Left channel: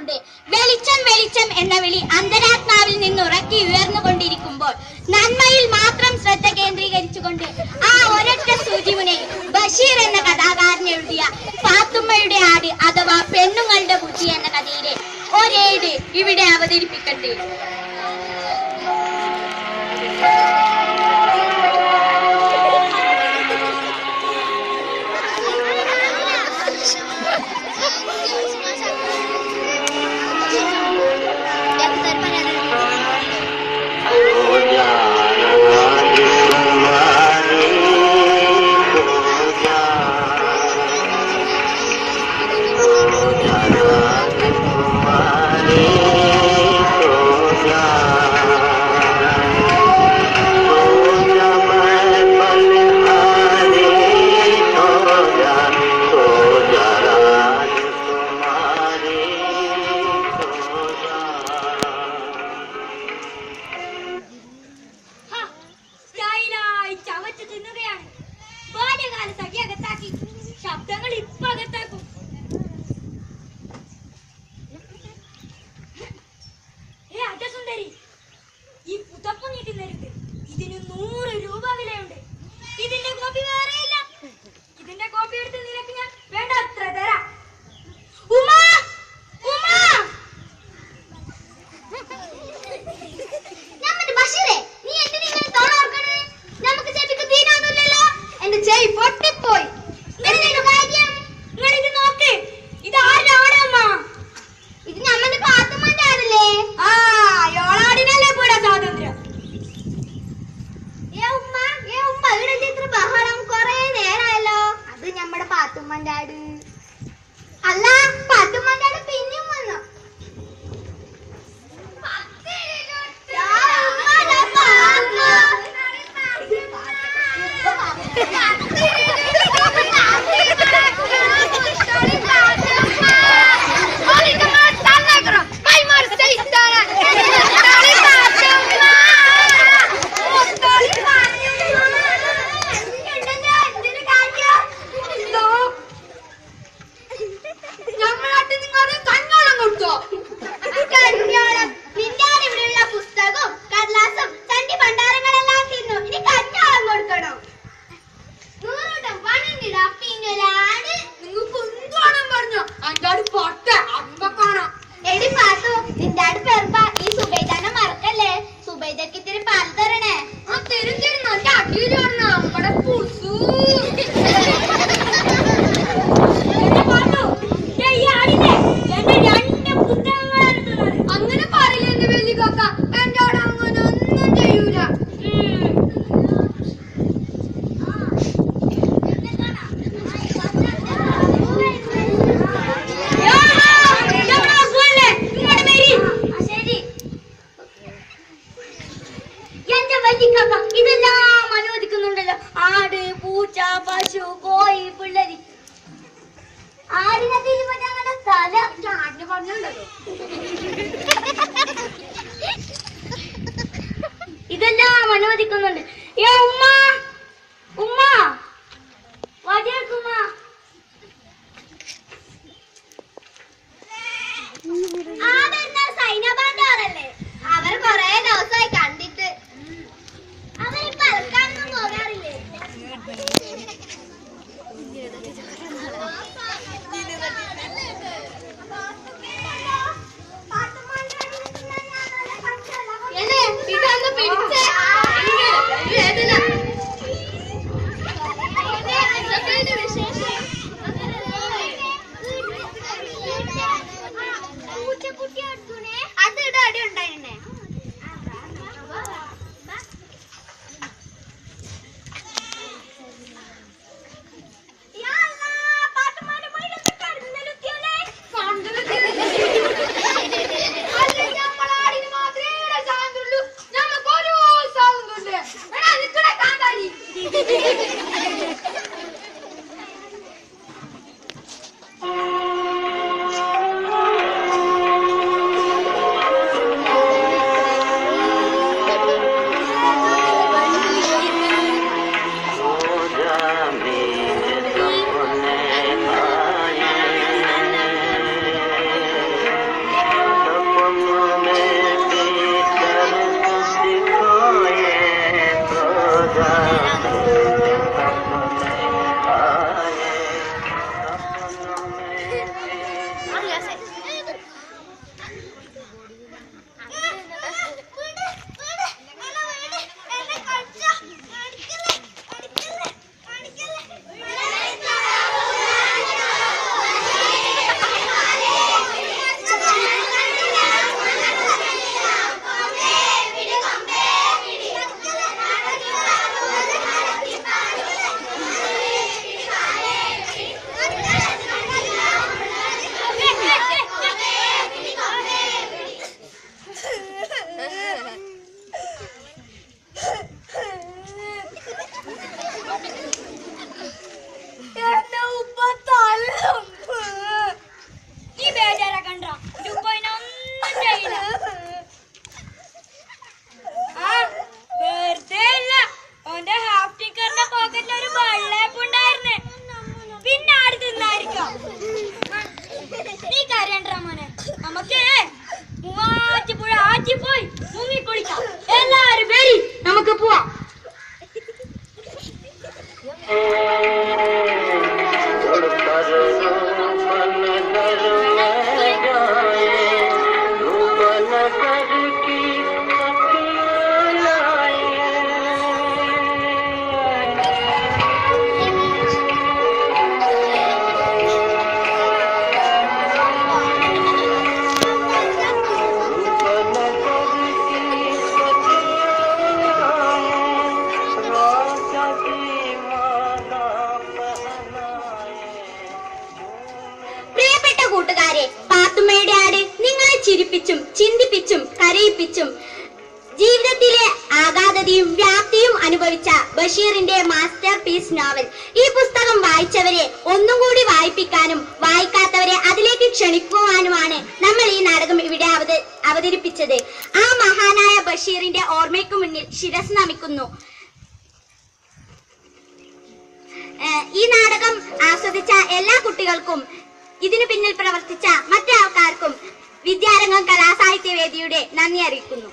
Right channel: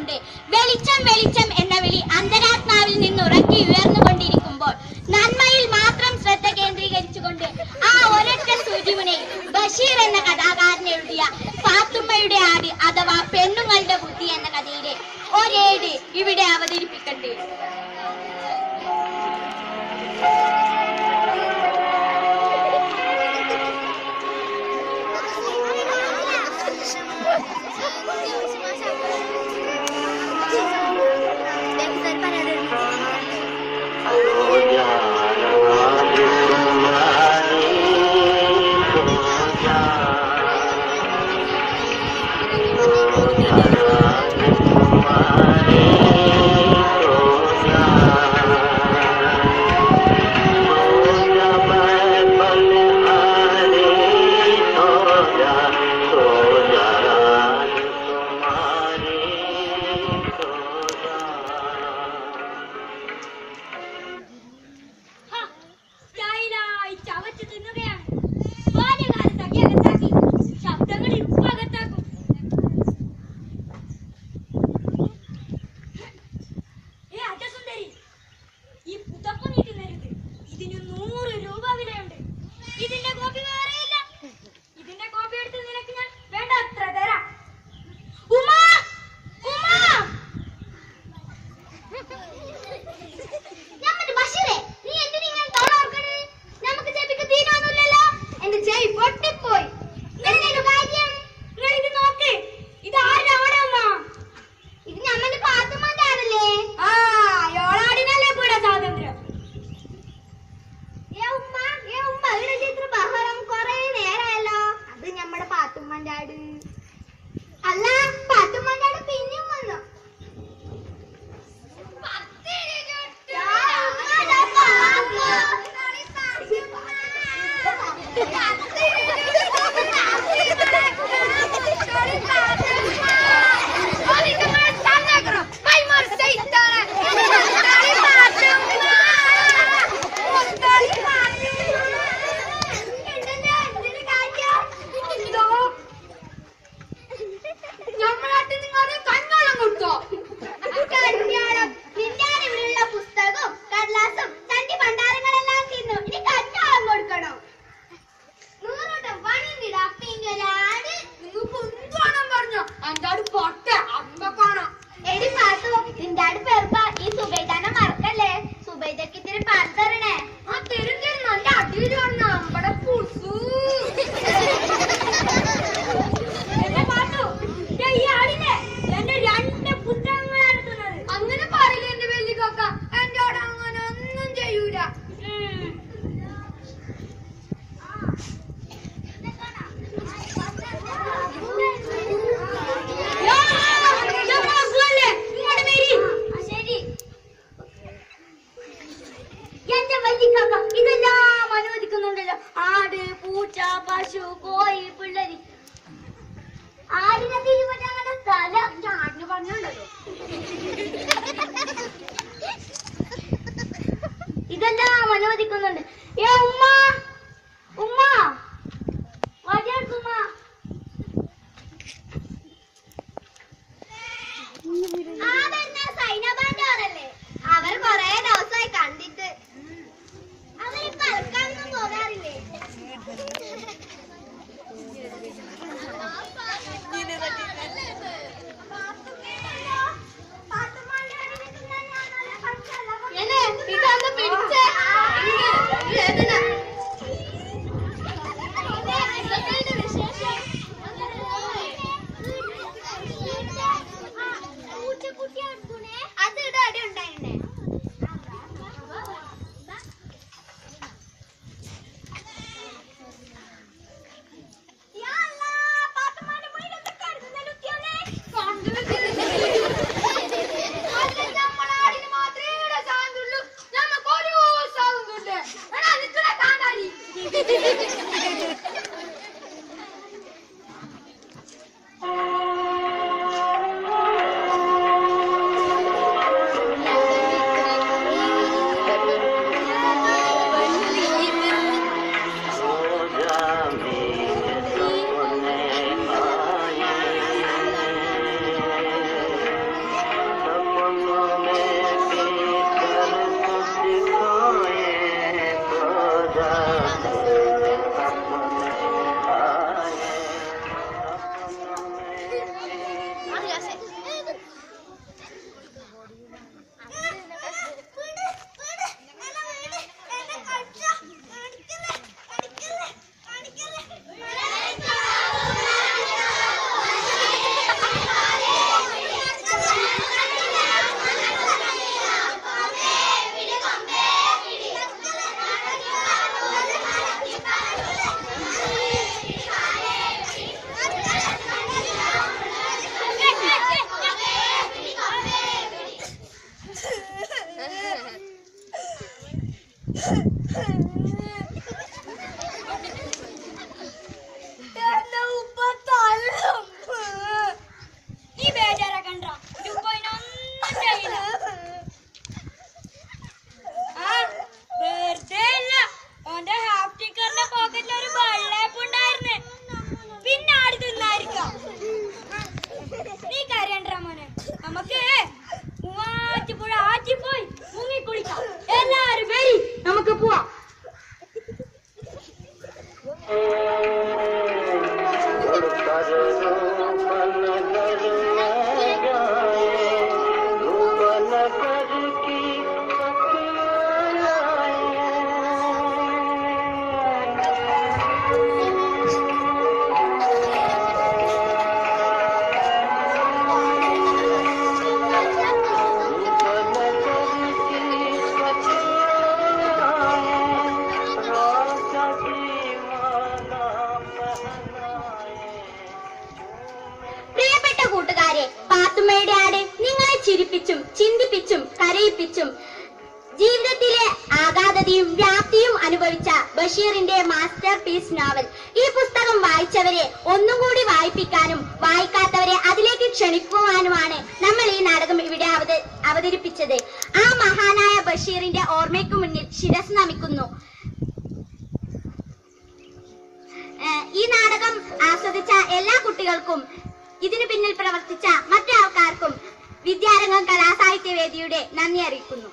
കൊണ്ട് വെളിച്ചം വെളിച്ചം എന്ന വിളി അന്തരാത്മാവിൽ നിന്ന് ഉറക്കി ഉയർന്നുകൊണ്ടിരിക്കുമ്പോൾ നന്മയിൽ മാത്രം ശ്രദ്ധ കേന്ദ്രീകരിച്ചുകൊണ്ട് ആ ഒരൊറ്റ സൂചിമുനെ ബഷീർ എന്ന കഥാകാരൻ എഴുതിയ പാത്തുമ്മയുടെ ആട് അഥവാ പെണ്ണുങ്ങളുടെ ബുദ്ധി എന്ന കഥയിലെ ഒരേട് ഇവിടെ അവതരിപ്പിക്കട്ടെ. ഇത്തിരി പാൽ തരണേ. ആ തരും തരും. നല്ല അടിയിലും മജീക്കാക്ക ഇതെല്ലാം അനുവദിക്കുന്നുണ്ടല്ലോ ആട് പൂച്ച പശു കോഴി പിള്ളരി. ആടിനെ തീരുമാനം തല ചാണ്ടിന് പറഞ്ഞുണ്ടല്ലോ. क्या अर्जुन है ചിരിപ്പിച്ചും ചിന്തിപ്പിച്ചും കരയിപ്പിച്ചും. ജീവിതത്തിലെ ആഘാതതയും വ്യാപ്തിയും അനുഭവിച്ച ബഷീറിന്റെ മാസ്റ്റർ പീസ് നോവൽ. ഈ പുസ്തകം വായിച്ചവരെ ഒന്നുകൂടി വായിപ്പിക്കാനും വായിക്കാത്തവരെ അതിലേക്ക് ക്ഷണിക്കുവാനുമാണ് നമ്മൾ ഈ നാടകം ഇവിടെ അവത അവതരിപ്പിച്ചത്. ആ മഹാനായ ബഷീറിന്റെ ഓർമ്മയ്ക്ക് മുന്നിൽ ശിരസ് നമിക്കുന്നു. ഈ നാടകം ആസ്വദിച്ച എല്ലാ കുട്ടികൾക്കും ഇതിനു പിന്നിൽ പ്രവർത്തിച്ച മറ്റു ആൾക്കാർക്കും വിദ്യാരംഗം കലാസാഹിത്യ വേദിയുടെ നന്ദി അറിയിക്കുന്നു.